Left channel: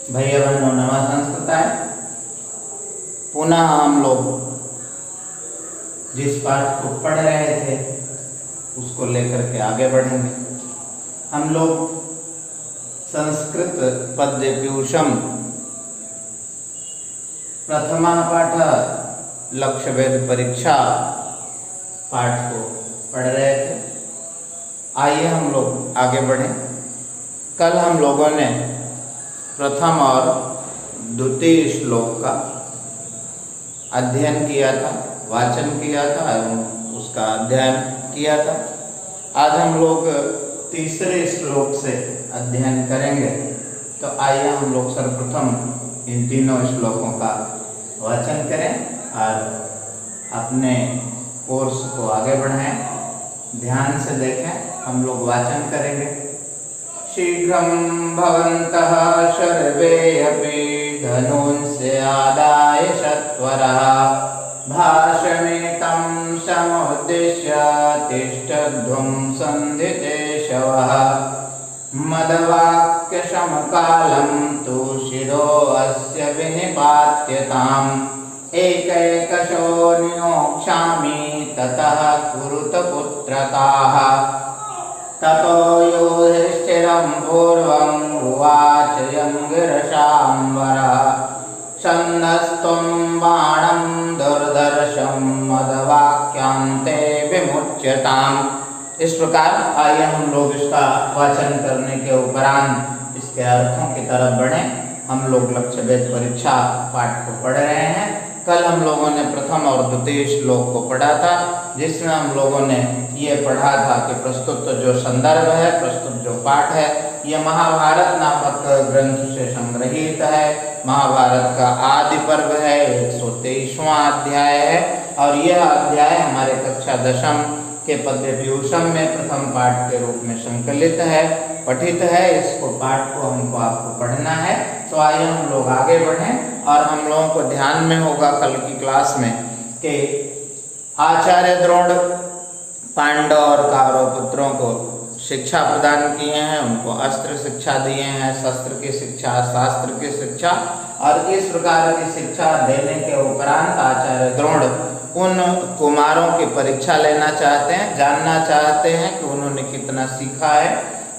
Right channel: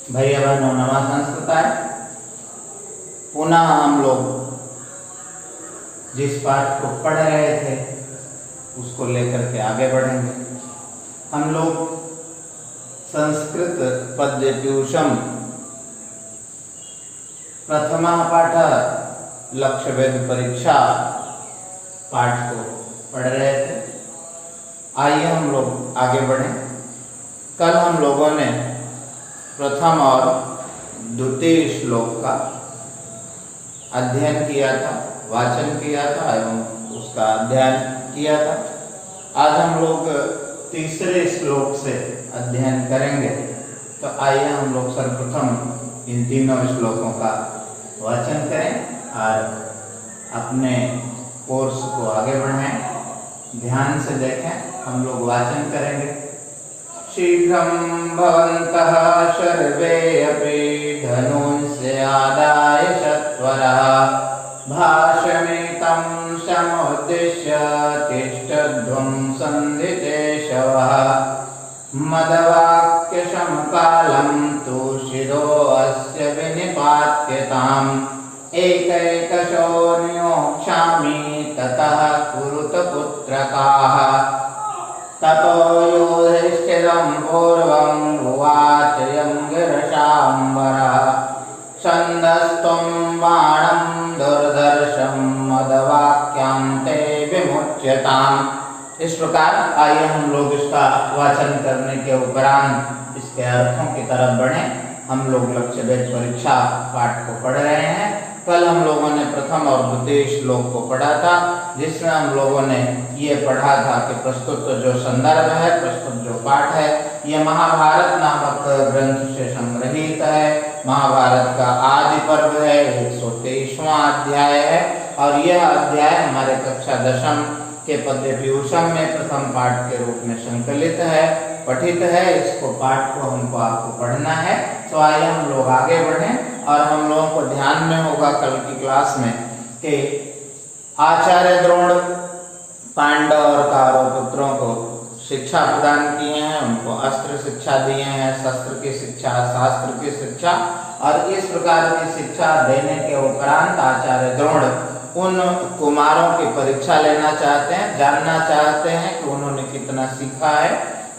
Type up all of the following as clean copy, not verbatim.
भैया बहनों नमः संस्कृताय। पुनः हम लोग जिस पाठ को पढ़ रहे थे उसको लेकर के आगे बढ़ेंगे। हम लोग संस्कृत पद्य ट्यूशन प्रथमा पाठ लक्ष्य वेद परीक्षा पाठ को पढ़ रहे थे। आइए हम लोग आगे बढ़ें। कल हम लोगों ने प्रथम और द्वितीय श्लोक का अध्ययन किया था, वाचन किया था एवं उसका अध्ययन किया था। आज हम लोग तीसरे श्लोक से अध्ययन करेंगे। तो आइए हम लोग सर्वप्रथम इन तीनों श्लोकों का वाचन करें और अपने कोर्स को आगे बढ़ाएं। ध्यान से देखें, हम लोग वाचन करेंगे। शीघ्रं भवन्तः सर्वे अपि धनुंस्य आदाय सत्वरः भाषमेतं समुद्दिश्य तिष्ठध्वं सन्धिकेशवः मदवाक्यसमकालं तुषिरो अस्य विनिपात्यताम् एकैकशो निमोक्ष्यामि ततः कुरुत पुत्रकाः। ततो युधिष्ठिरं पूर्वं उवाच यं गिरिशाम्बरः छन्दस्त्वं बाणं दुर्धर्षं मदवाक्यान्ते विमुच्यताम्। इस प्रकार आइए हम लोग इसका वाचन करने के उपरांत इसके अर्थों की तरफ बढ़ें। हम लोग लक्ष्य वेद परीक्षा पाठ को पढ़ रहे हैं। कल हम लोगों ने प्रथम और द्वितीय श्लोक को पढ़ा था, जिसमें हम लोगों ने ये पढ़ा था कि प्रस्तुत जो संदर्भ है, प्रस्तुत जो पाठ है, ये महाभारत नामक ग्रंथ से संग्रहित है। महाभारत का आदि पर्व है, 123वां अध्याय है और यह अध्याय हमारे कक्षा दशम के पद्य ट्यूशन में प्रथम पाठ के रूप में संकलित है, पठित है। इसको पाठ को हमको आपको पढ़ना है। तो आइए हम लोग आगे बढ़ें और हम लोगों को ध्यान में होगा कल की क्लास में कि आचार्य द्रोण पांडव और कौरव पुत्रों को शिक्षा प्रदान किए हैं, उनको अस्त्र शिक्षा दिए हैं, शस्त्र की शिक्षा, शास्त्र की शिक्षा, और इस प्रकार की शिक्षा देने के उपरांत आचार्य द्रोण उन कुमारों की परीक्षा लेना चाहते हैं, जानना चाहते हैं कि उन्होंने कितना सीखा है।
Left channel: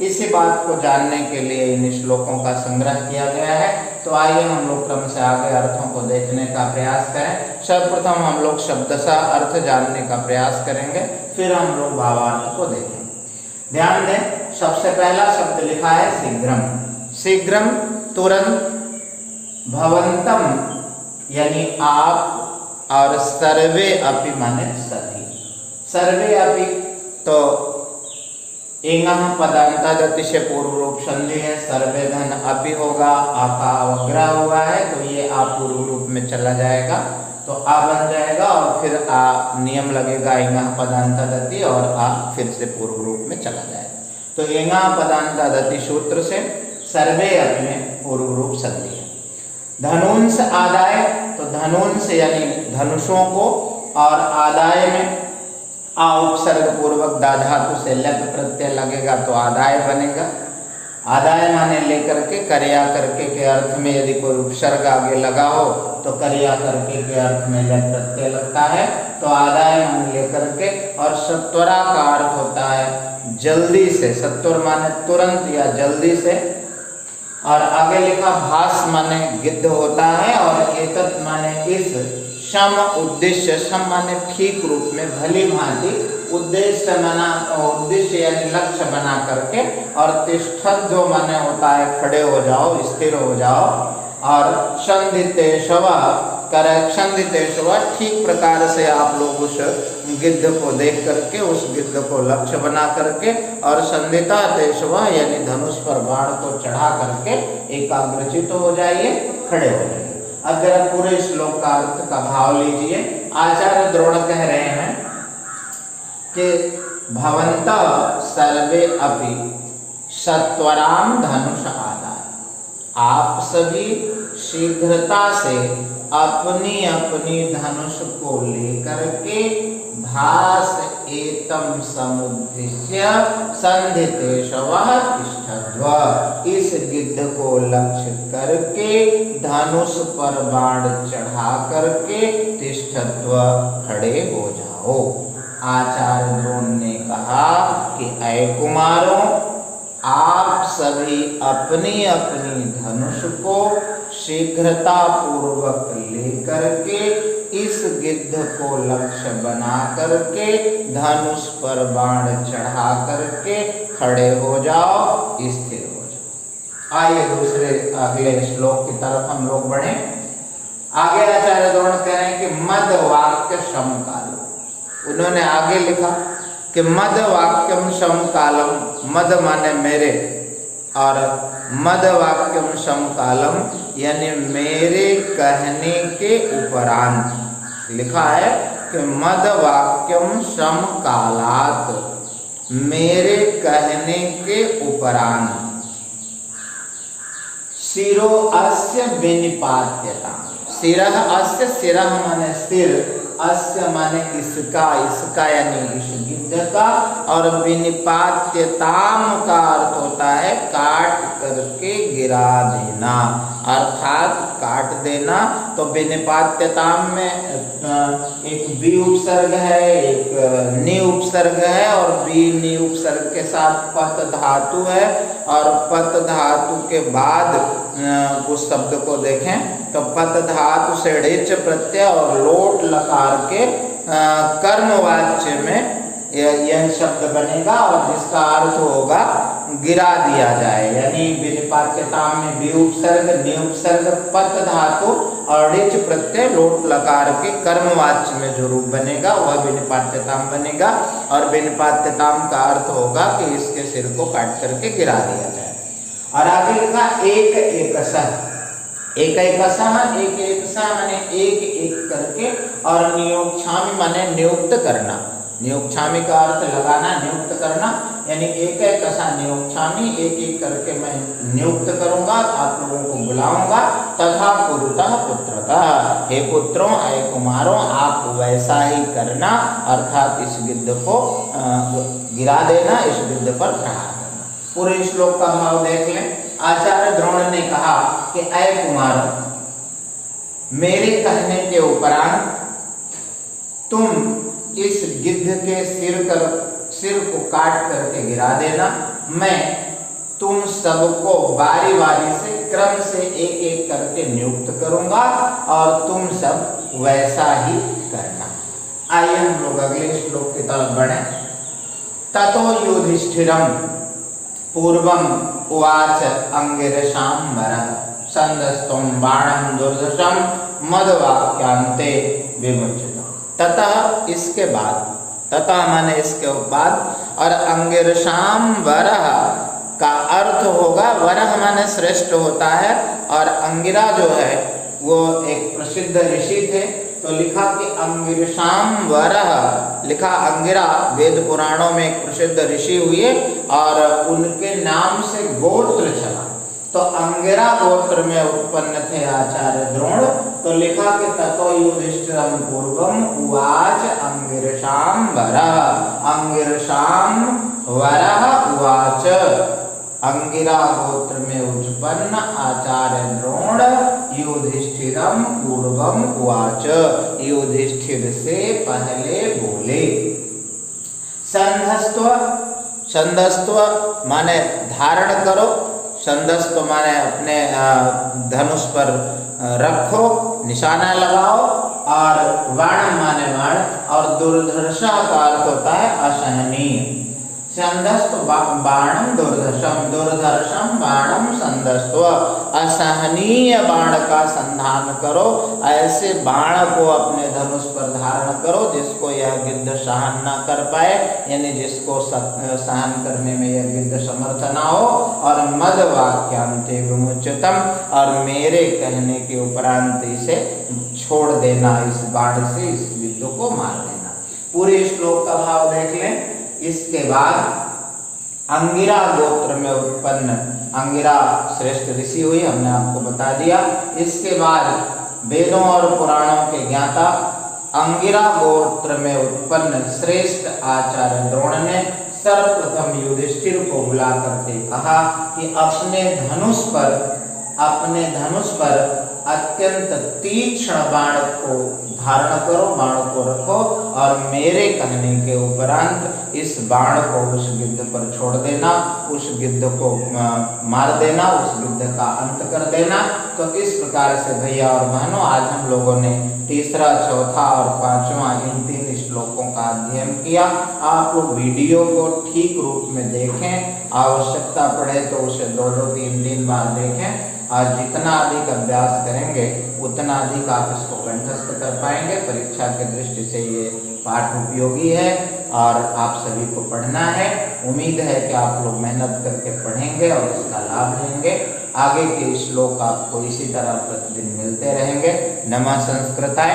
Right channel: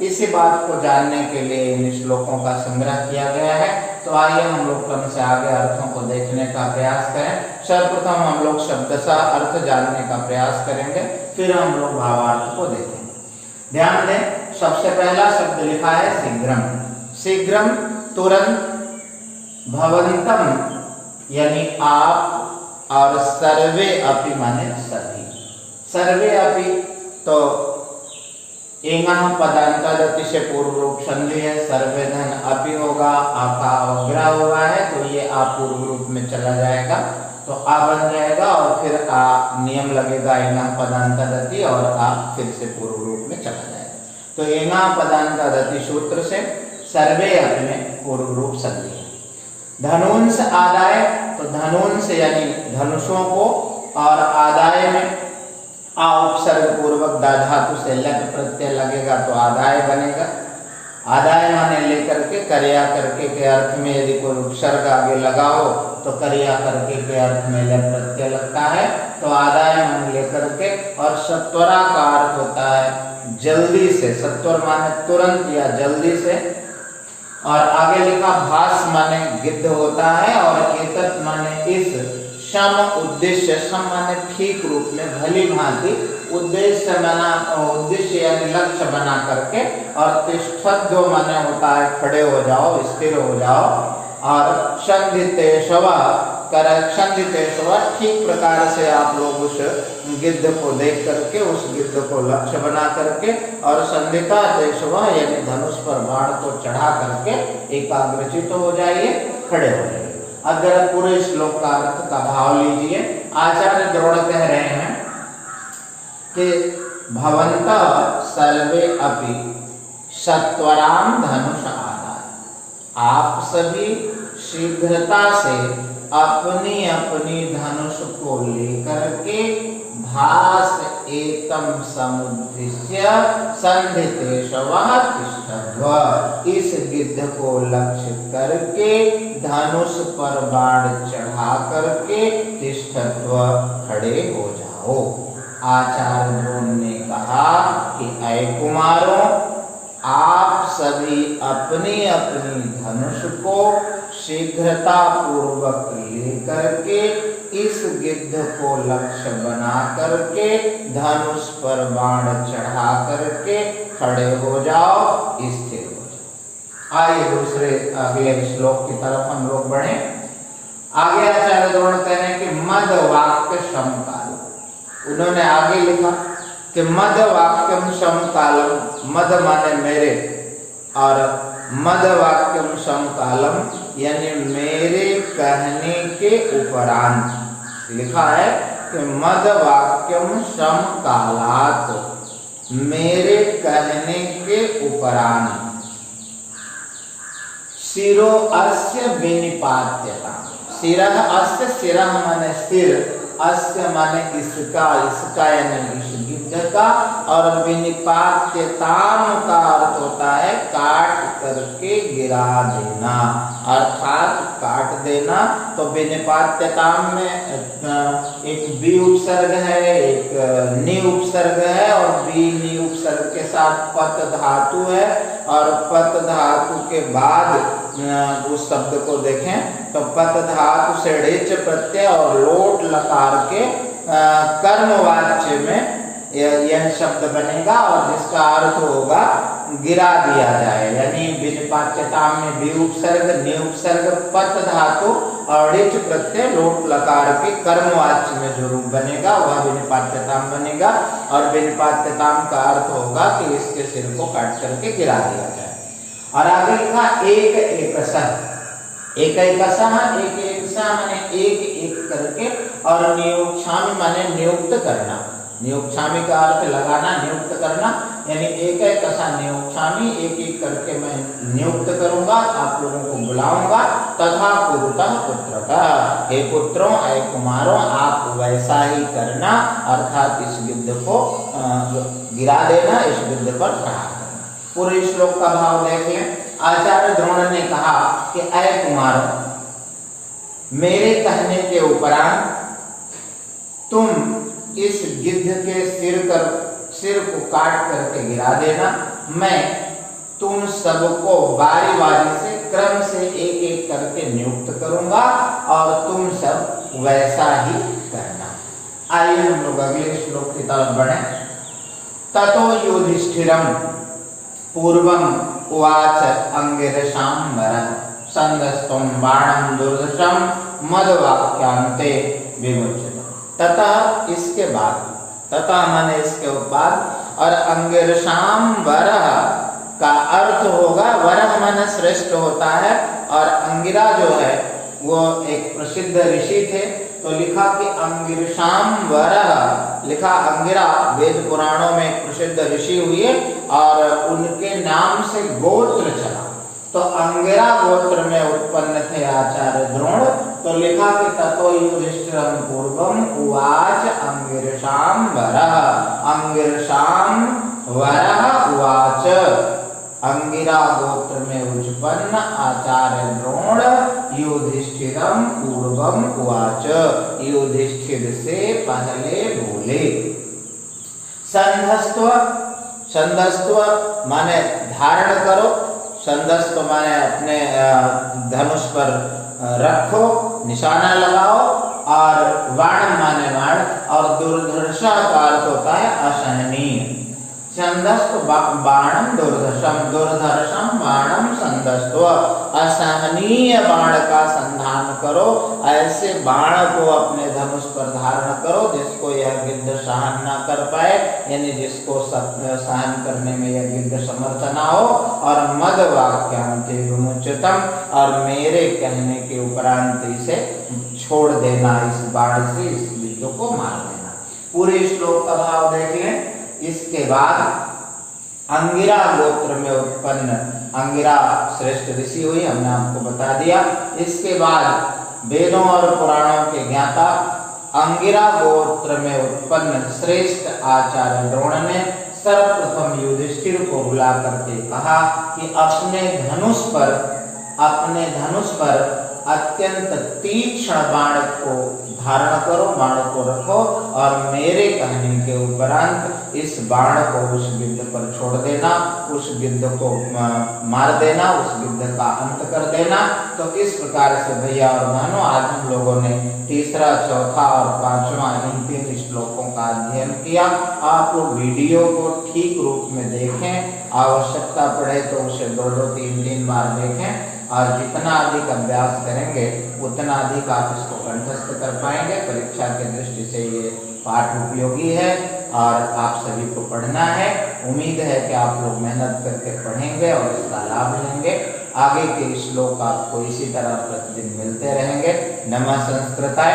इसी बात को जानने के लिए इन श्लोकों का संग्रह किया गया है। तो आइए हम लोग क्रम से आगे अर्थों को देखने का प्रयास करें। सर्वप्रथम हम लोग शब्दशः अर्थ जानने का प्रयास करेंगे, फिर हम लोग भावार्थ को देखेंगे। ध्यान दें, सबसे पहला शब्द लिखा है शीघ्रम। शीघ्रम तुरंत, भवंतम यानी आप, और सर्वे अपि माने सभी। सर्वे अपि तो एंगः पदांतादति से पूर्व रूप संधि है, सर्वे धन अपि होगा, आपा अवग्रह हुआ है तो ये आ पूर्व रूप में चला जाएगा तो आ बन जाएगा और फिर आ नियम लगेगा एंगः पदांतादति और आ फिर से पूर्व रूप में चला जाएगा। तो एंगः पदांतादति सूत्र से सर्वे अपि में पूर्व रूप संधि है। धनुंस आदाय तो धनुंस यानी धनुषों को, और आदाय में आ उपसर्ग पूर्वक दा धातु से लट प्रत्यय लगेगा तो आदाय बनेगा। आदाय माने लेकर के, कर्या करके के अर्थ में यदि कोई उपसर्ग आगे लगा हो तो कर्या करके के अर्थ में लट प्रत्यय लगता है तो आदाय माने लेकर के। और सत्वरा का अर्थ होता है जल्दी से, सत्वर माने तुरंत या जल्दी से, और आगे लिखा भास माने गिद्ध होता है, और एतत् माने इस, सम उद्देश्य, सम माने ठीक रूप में, भली भांति, उद्देश्य बना, उद्देश्य यानी लक्ष्य बना करके, और तिष्ठध्व माने होता है खड़े हो जाओ, स्थिर हो जाओ, और संधितेशव संधितेशव ठीक प्रकार से आप लोग उस गिद्ध को देख करके, उस गिद्ध को लक्ष्य बना करके, और संधिता तेशव यानी धनुष पर बाण को चढ़ा करके एकाग्रचित हो जाइए, खड़े हो जाइए। अब जरा पूरे श्लोक का अर्थ का भाव लीजिए। आचार्य द्रोण कह रहे हैं कि भवन्तः सर्वे अपि सत्वराम धनुष आदाय, आप सभी शीघ्रता से अपनी अपनी धनुष को लेकर के भास एतम समुद्दिश्य संधितेशवः तिष्ठ तिष्ठध्व, इस गिद्ध को लक्ष्य करके धनुष पर बाण चढ़ा करके तिष्ठध्व, खड़े हो जाओ। आचार्य द्रोण ने कहा कि ऐ कुमारों, आप सभी अपनी अपनी धनुष को शीघ्रता पूर्वक लेकर के इस गिद्ध को लक्ष्य बना करके धनुष पर बाण चढ़ा करके खड़े हो जाओ, स्थिर हो जाओ। आइए दूसरे अगले श्लोक की तरफ हम लोग बढ़े। आगे आचार्य द्रोण कह रहे हैं कि मद वाक्य समकाल। उन्होंने आगे लिखा कि मद वाक्यम समकालम, मद माने मेरे, और मद वाक्यम समकालम यानी मेरे कहने के उपरांत। लिखा है कि मद वाक्यम समकालात, मेरे कहने के उपरांत। शिरो अस्य विनिपात्यता, शिरः अस्य, शिरः माने सिर, अस्य माने इसका, इसका यानी इस गिद्ध का, और विनिपात्यताम का अर्थ होता है काट करके गिरा देना, अर्थात काट देना। तो विनिपात्यताम में एक बी उपसर्ग है, एक नि उपसर्ग है, और बी नि उपसर्ग के साथ पत धातु है, और पत धातु के बाद उस शब्द को देखें तो पत धातु से ऋच प्रत्यय और लोट लकार के कर्मवाच्य में यह शब्द बनेगा, और जिसका अर्थ होगा गिरा दिया जाए। यानी विनिपात्यता में बी उपसर्ग, नि उपसर्ग, पत धातु और ऋच प्रत्यय लोट लकार के कर्मवाच्य में जो रूप बनेगा वह विनिपात्यता बनेगा, और विनिपात्यता का अर्थ होगा कि इसके सिर को काट करके गिरा दिया जाए। और आगे लिखा एक एकसः, एक एकसः, एक एकसः माने एक एक करके, और नियोक्ष्यामि माने नियुक्त करना। नियोक्ष्यामि का अर्थ लगाना, नियुक्त करना, यानी एक एकसः नियोक्ष्यामि, एक एक करके मैं नियुक्त करूंगा, आप लोगों को बुलाऊंगा। तथा कुरुतः पुत्रतः, हे पुत्रों, हे कुमारों, आप वैसा ही करना, अर्थात इस गिद्ध को गिरा देना, इस गिद्ध पर प्रहार करना। पूरे श्लोक का भाव देख लें। आचार्य द्रोण ने कहा कि ऐ कुमारों, मेरे कहने के उपरांत तुम इस गिद्ध के सिर को काट करके गिरा देना। मैं तुम सबको बारी बारी से क्रम से एक एक करके नियुक्त करूंगा, और तुम सब वैसा ही करना। आइए हम लोग अगले श्लोक की तरफ बढ़े। ततो युधिष्ठिरम पूर्वम उवाच अंगिरसां वरः संदस्त्वं बाणं दुर्धर्षं मदवाक्यांते विमुच्यते। ततः, इसके बाद, ततः माने इसके बाद, और अंगिरसां वरः का अर्थ होगा, वरः माने श्रेष्ठ होता है, और अंगिरा जो है वो एक प्रसिद्ध ऋषि थे, तो लिखा कि अंगिरसां वरः, लिखा अंगिरा वेद पुराणों में एक प्रसिद्ध ऋषि हुए, और उनके नाम से गोत्र चला, तो अंगिरा गोत्र में उत्पन्न थे आचार्य द्रोण। तो लिखा कि ततो युधिष्ठिरं पूर्वम उवाच अंगिरसां वरः, अंगिरसां वरः उवाच, अंगिरा गोत्र में उत्पन्न आचार्य द्रोण युधिष्ठिरं पूर्वम उवाच, युधिष्ठिर से पहले बोले। संधस्त्व, संधस्त्व माने धारण करो, संधस्त्व माने अपने धनुष पर रखो, निशाना लगाओ, और वाण माने वाण, और दुर्धर्षा का अर्थ होता है असहनीय। संधस्त बाणम दुर्धर्षम, दुर्धर्षम बाणम संधस्त्व, असहनीय बाण का संधान करो, ऐसे बाण को अपने धनुष पर धारण करो जिसको यह गिद्ध सहन न कर पाए, यानी जिसको सहन करने में यह गिद्ध समर्थ ना हो। और मद वाक्यांते विमुच्यतम, और मेरे कहने के उपरांत इसे छोड़ देना, इस बाण से इस गिद्ध को मार देना। पूरे श्लोक का भाव देख लें। इसके बाद अंगिरा गोत्र में उत्पन्न, अंगिरा श्रेष्ठ ऋषि हुई, हमने आपको बता दिया। इसके बाद वेदों और पुराणों के ज्ञाता अंगिरा गोत्र में उत्पन्न श्रेष्ठ आचार्य द्रोण ने सर्वप्रथम युधिष्ठिर को बुला करके कहा कि अपने धनुष पर अत्यंत तीक्ष्ण बाण को धारण करो, बाण को रखो और मेरे कहने के उपरांत इस बाण को उस गिद्ध पर छोड़ देना, उस गिद्ध को मार देना, उस गिद्ध का अंत कर देना। तो इस प्रकार से भैया और बहनों, आज हम लोगों ने तीसरा, चौथा और पांचवा इन 3 श्लोकों का अध्ययन किया। आप लोग वीडियो को ठीक रूप में देखें, आवश्यकता पड़े तो उसे 2-2, 3-3 बार देखें और जितना अधिक अभ्यास करेंगे उतना अधिक आप इसको कंठस्थ कर पाएंगे। परीक्षा की दृष्टि से ये पाठ उपयोगी है और आप सभी को पढ़ना है। उम्मीद है कि आप लोग मेहनत करके पढ़ेंगे और इसका लाभ लेंगे। आगे के श्लोक आपको इसी तरह प्रतिदिन मिलते रहेंगे। नमः संस्कृताय।